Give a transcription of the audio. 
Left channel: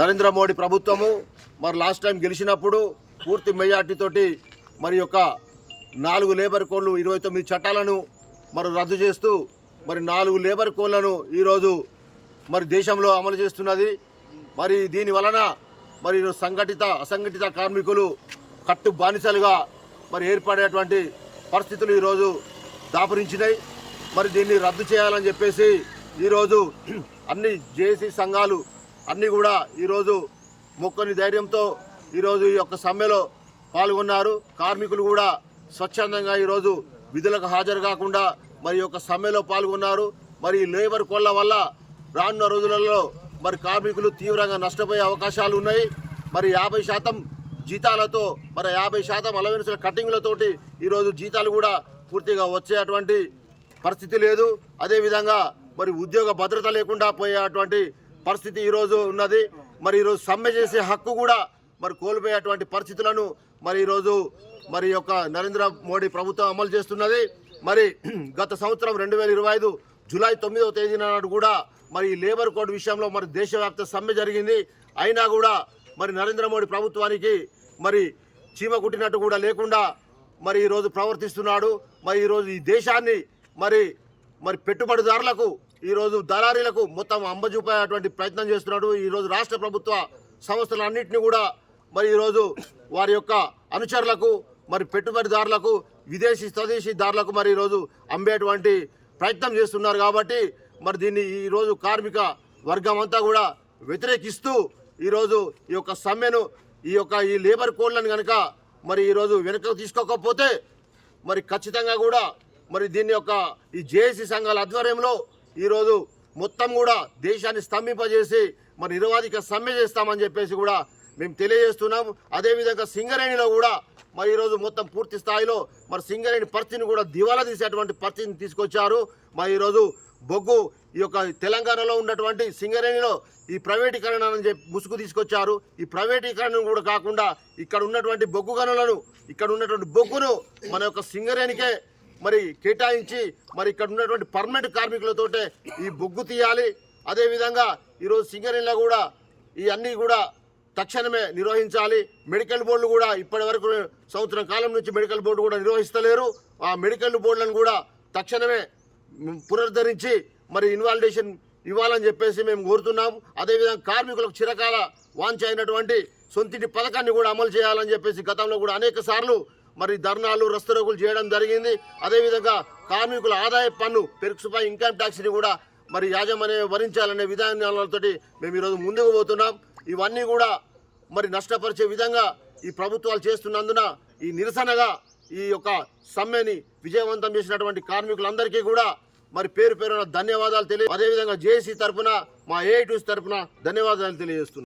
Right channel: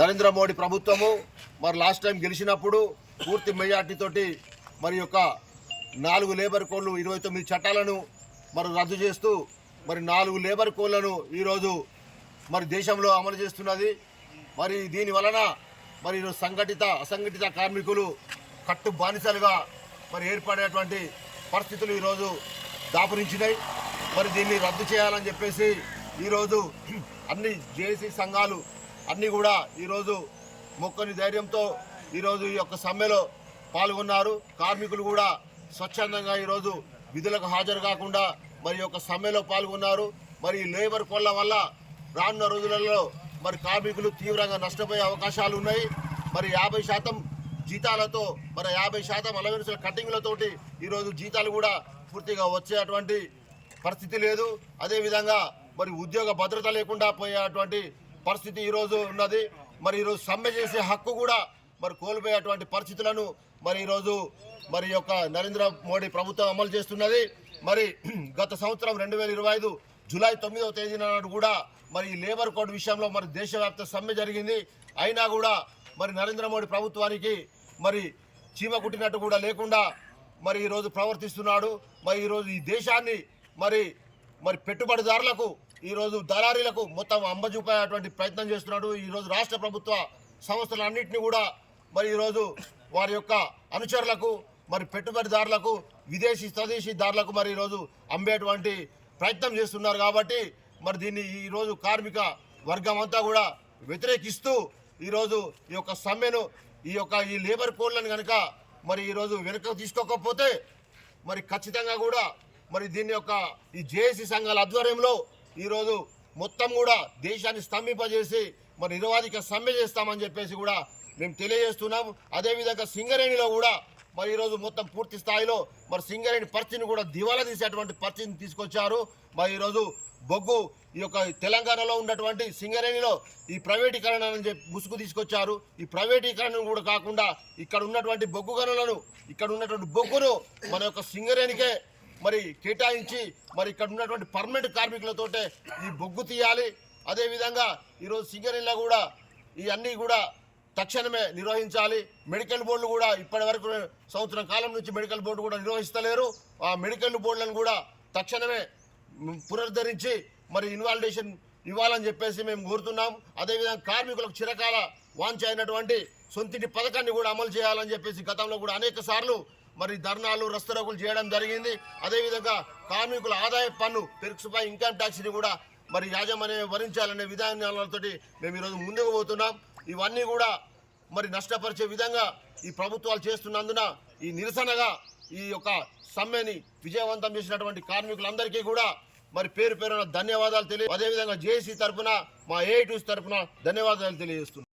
నరేంద్ర మోడీ ప్రభుత్వము మరి last time గెలిచినప్పుడు పూర్తి మెజార్టీతోటి మరి యొక్క 4 లేబర్ కోడ్లు 29 చట్టాలను మరి రద్దు చేస్తూ మరి 4 లేబర్ కోడ్లను ఈరోజు మరి దేశంలో అమలు చేస్తున్నది. మరి దీని వలన మరి సంఘటిత అసంఘటిత కార్మికులు కట్టు బానిసలుగా మరి ఏర్పడేటువంటి పరిస్థితులు ఈరోజు దాపురించినాయి. మరి దీన్ని రద్దు చేయాలని చెప్పేసి ఈరోజు అన్ని జేఏసీ సంఘాలు అన్నీ కూడా ఈరోజు మొక్కని ధైర్యంతో ఈరోజు ఈ యొక్క సమ్మెలో పాల్గొన్నారు. కార్మికులు కూడా స్వచ్ఛందంగా ఈరోజు విధులకు హాజరు కాకుండా మరి యొక్క సమ్మెలో పాల్గొన్నారు. మరి లేబర్ కోళ్ల వల్ల రానున్న రోజులలో మరి కార్మికులు తీవ్రంగా నష్టపోయే అవకాశాలు ఉన్నాయి. మరి 50% జీతాలతో మరి 50% అలవెన్సుల కటింగ్లతోటి ఈరోజు జీతాలు కూడా పూర్తిగా వచ్చేటువంటి పరిస్థితి లేదు. అదేవిధంగా మరి ఉద్యోగ భద్రత లేకుండా పోయేటువంటి పరిస్థితి ఈరోజు ఉన్నది. మరి ఈరోజు సమ్మె చేసే హక్కు కూడా మరి కోల్పోయేటువంటి పరిస్థితులను మరి ఈరోజు మరి యొక్క నరేంద్ర మోడీ ప్రభుత్వం అమలు చేస్తున్నది. మరి గత సంవత్సరం 2025 జూలై 9వ తేదీన నాడు కూడా మరి లేబర్ కోడ్ విషయంలో మరి దేశవ్యాప్త సమ్మె జరిగింది. అయినా కూడా మరి నరేంద్ర మోడీ ప్రభుత్వానికి మరి చీమ కుట్టినట్టు కూడా లేకుండా మరి ఈరోజు ప్రవర్తిస్తున్నాడు. మరి ఈరోజు ఈ దేశాన్ని మరి మరి పెట్టుబడిదారులకు ఈరోజు దళారీలకు మొత్తం అంబజూపేటువంటి ప్రయత్నం చేస్తున్నాడు. ఈరోజు రాష్ట్ర ప్రభుత్వ సంస్థలన్నింటినీ కూడా మరి ఈరోజు వారి యొక్క అనుచరులకు మరి పెట్టుబడిదారులకు విదేశీ స్వదేశీదారులకు మరి ఈరోజు అమ్మేటువంటి ప్రయత్నం చేస్తున్నారు. కాబట్టి మరి దీన్ని ఈరోజు కార్మిక వర్గం అంతా కూడా వ్యతిరేకిస్తూ ఈరోజు ఈ యొక్క సమ్మెను ఈ లేబర్ కోడ్లను కనుక మరి ఈరోజు వెనుక తీసుకోకపోతే మరి ఖచ్చితంగా కూడా మరి దీని యొక్క ఈ జేఏసీ సంఘాల ఆధ్వర్యంలో ఈరోజు మొత్తం కూడా దేశాన్ని స్తంభింపజేసి మరి నిరవాధిక సమ్మె చేస్తామని చెప్పేసి కూడా మేము తెలియజేస్తున్నాం. అదేవిధంగా సింగరేణిలో కూడా మరి ఈరోజు మొత్తం పూర్తి స్థాయిలో మరి సింగరేణి పరిస్థితిని కూడా దివాలా తీసేటువంటి పరిస్థితిని తీసుకొచ్చారు. మరి ఈరోజు బొగ్గు ఈ యొక్క తెలంగాణలో ఉన్నటువంటి సింగరేణిలో ఈ ప్రైవేటీకరణ అని చెప్పి ముసుగు తీసుకొచ్చారు. ఈ ప్రైవేటీకరణ కూడా కాకుండా ఇక్కడ ఉన్నటువంటి బొగ్గు గనులను ఇక్కడ ఉన్నటువంటి బొగ్గును మన యొక్క సింగరేణికే మరి కేటాయించి మరి ఇక్కడ ఉన్నటువంటి పర్మనెంట్ కార్మికులతోటే ఈ బొగ్గు తీయాలి. అదేవిధంగా ఈరోజు సింగరేణిలో కూడా ఈ అన్నీ కూడా తక్షణమే నిర్వహించాలి. మెడికల్ బోర్డులు కూడా ఇప్పటి వరకు సంవత్సరం కాలం నుంచి మెడికల్ బోర్డు కూడా నిర్వహిస్తలేరు. ఆ మెడికల్ బోర్డులను కూడా తక్షణమే పునరుద్ధరించి మరి ఇన్వాలిడేషన్ ఇవ్వాలని చెప్పేసి మేము కోరుతున్నాం. అదేవిధంగా కార్మికులకు చిరకాల వాంఛ అయినటువంటి సొంతింటి పథకాన్ని కూడా అమలు చేయాలని చెప్పేసి గతంలో కూడా అనేక సార్లు మరి ధర్నాలు రస్తరోకులు చేయడం జరిగింది. అదేవిధంగా కార్మికుల ఆదాయ పన్ను పెరుకుపై ఇన్కమ్ ట్యాక్స్ని కూడా మరి యాజమాన్యం భరించాలనే విధానాలతో మేము ఈరోజు ముందుకు పోతున్నాం. ఇవన్నీ కూడా మరి నష్టపరిచే విధంగా ఈ ప్రభుత్వాలు చేస్తున్నందున ఈ నిరసనగా ఈ యొక్క సమ్మెని విజయవంతం చేసినటువంటి కార్మికులందరికీ కూడా మరి పేరు పేరున ధన్యవాదాలు అదేవిధంగా జేఏసీ తరఫున మా ఏఐటీసీ తరఫున ధన్యవాదాలు తెలియజేస్తున్నాం.